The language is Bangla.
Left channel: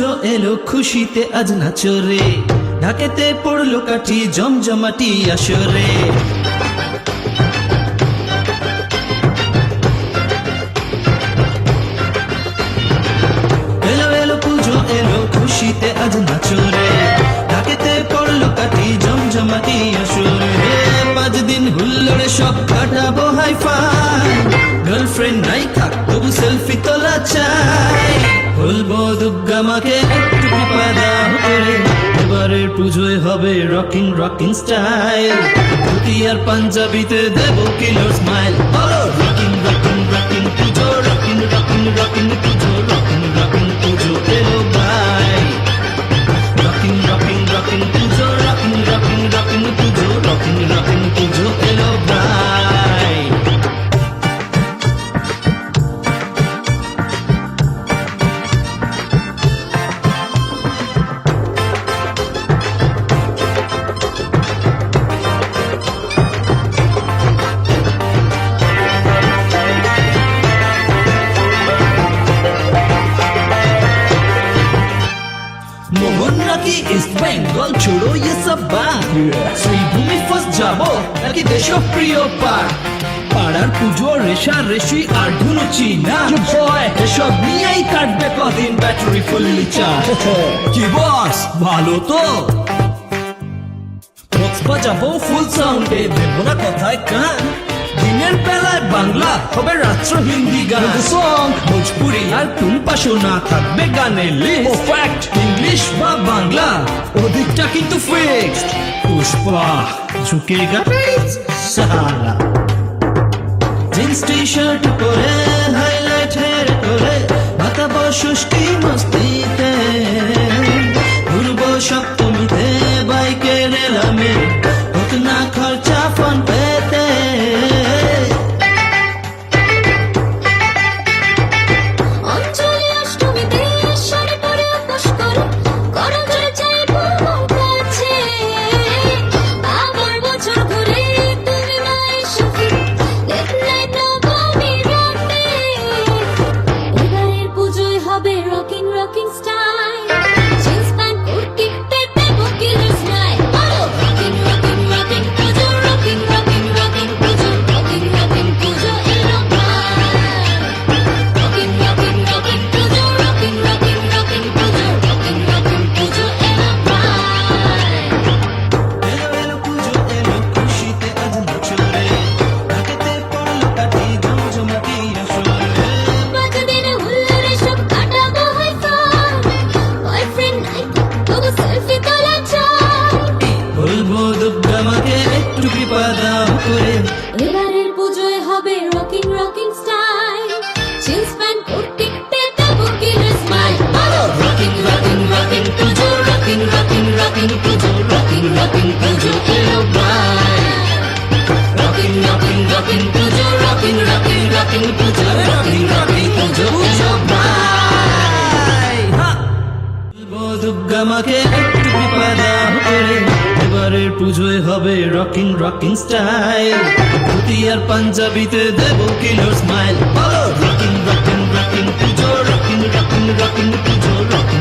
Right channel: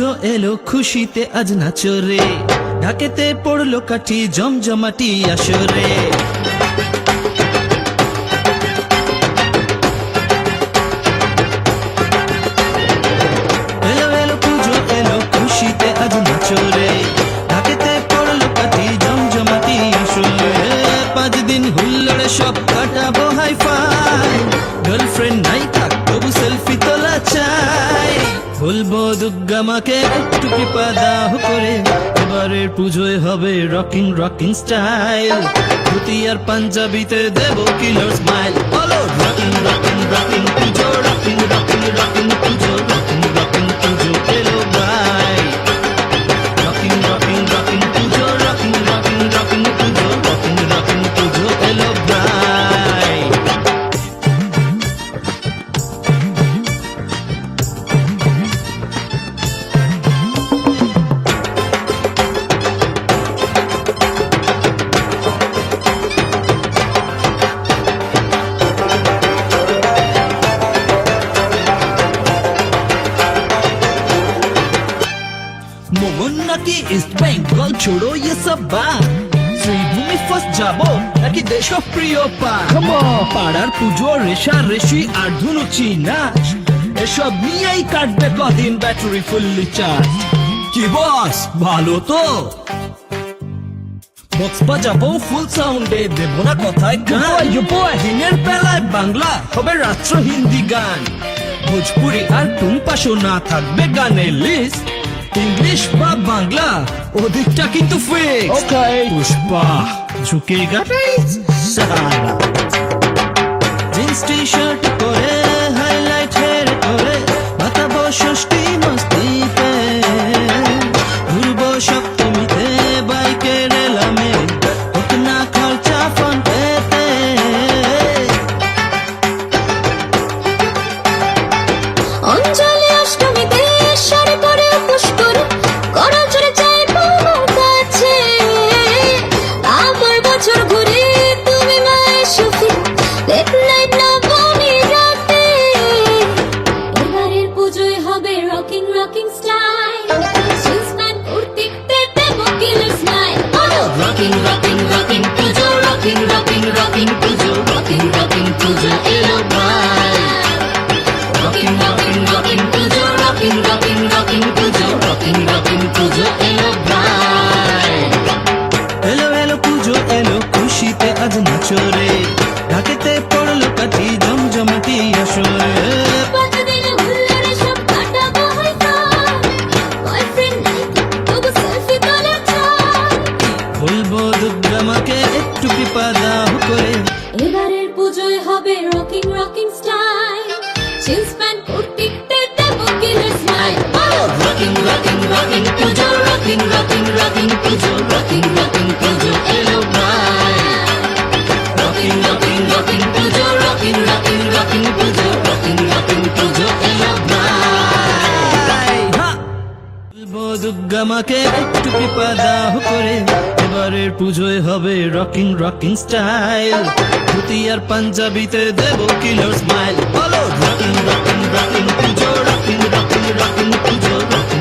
পুজো এলো খুশিতে আজ নাচরে, ঢাকেতে পড়লো কাঠি জমজমাটি আসরে। এলো এলো পুজো এলো খুশিতে আজ নাচরে, ঢাকেতে পড়লো কাঠি জমজমাটি আসরে। 5 দিন হুল্লোড়ে সব কাটাবো হাই ফাই, গার্লফ্রেন্ড নাই থাক তবু সেলফি তোলা চাই। বলবো দুর্গা মাকে একটু কৃপা দাও করে, এবারের পুজোয় হবে রকিং রকিং স্টাইল। ধুতি আর পাঞ্জাবিতে দেব কিলার স্মাইল। বলো rocking rocking rocking Puja, rocking rocking rocking Puja, rocking rocking Puja এলো ভাই। Rocking rocking rocking Puja, rocking rocking rocking Puja, rocking rocking Puja এলো ভাই। मोहन नाकी इस्ट बेंगल छोड़ो ये सब बात, শ্রীভূমি ফার্স্ট যাবো নাকি দেশপ্রিয় পার্ক। পাড়ার পুজো রেশা রেশি আর ধুনুচি না, এসব নিয়েই কাটবে কদিন ব্যাটারি ফুললি চার্জ। কি বস ভালো তো? বক্স বাজাবো ফুল সাউন্ডে, দেবো না কথায় গান। দিনের বেলায় বাংলা হবে রাত্র হিন্দি গান, ভোজপুরি আর টুম্পা শোনা থাকবে গানের লিস্ট। ইংলিশ বা বাংলা ওদিকটা কিন্তু ফিক্স। পুষ্পা ঝুঁকেগা সারা, জিন্স টি শার্ট পরে হাইলাইট হেয়ার করে, মাতাবো ষষ্ঠী মস্তিতে, ঘুরবো সপ্তমীতে বাইকে রেলামে, হোক না খরচা ফোন পেতে। অঞ্জলি অষ্টমীতে শাড়ি পরে উপোস করে, করল জোরে চাইবো কাছে। আমার বছর ঘুরে তুমি না এসো ফিরে, লেট নাইট নবমী রাতে। এবারের পুজোয় হবে rocking rocking style, jeans pant কুর্তিতে দেবো killer smile. Rocking rocking rocking Puja, rocking rocking rocking Puja, rocking rocking Puja এলো ভাই। Rocking, rocking, rocking pujo, rocking, rocking, rocking pujo, rocking, rocking pujo elo bhai. এলো এলো পুজো এলো খুশিতে আজ নাচরে, ঢাকেতে পড়লো কাঠি জমজমাটি আসরে। 5 দিন হুল্লোড়ে সব কাটাবো হাই ফাই, বয়ফ্রেন্ড নাই তবু সেলফি তোলা চাই। বলবো দুর্গা মাকে একটু কৃপা দাও করে, এবারের পুজোয় হবে rocking rocking style, jeans pant কুর্তিতে দেবো killer smile. Rocking, rocking, rocking pujo, rocking, rocking, rocking pujo, rocking, rocking pujo elo bhai. Rocking, rocking, rocking pujo, rocking, rocking, rocking pujo, rocking, rocking pujo elo bhai. বলবো দুর্গা মাকে একটু কৃপা দাও করে, এবারের পুজোয় হবে রকিং রকিং স্টাইল। ধুতি আর পাঞ্জাবিতে দেবো কিলার স্মাইল। বলো rocking rocking rocking Puja, rocking rocking rocking Puja, rocking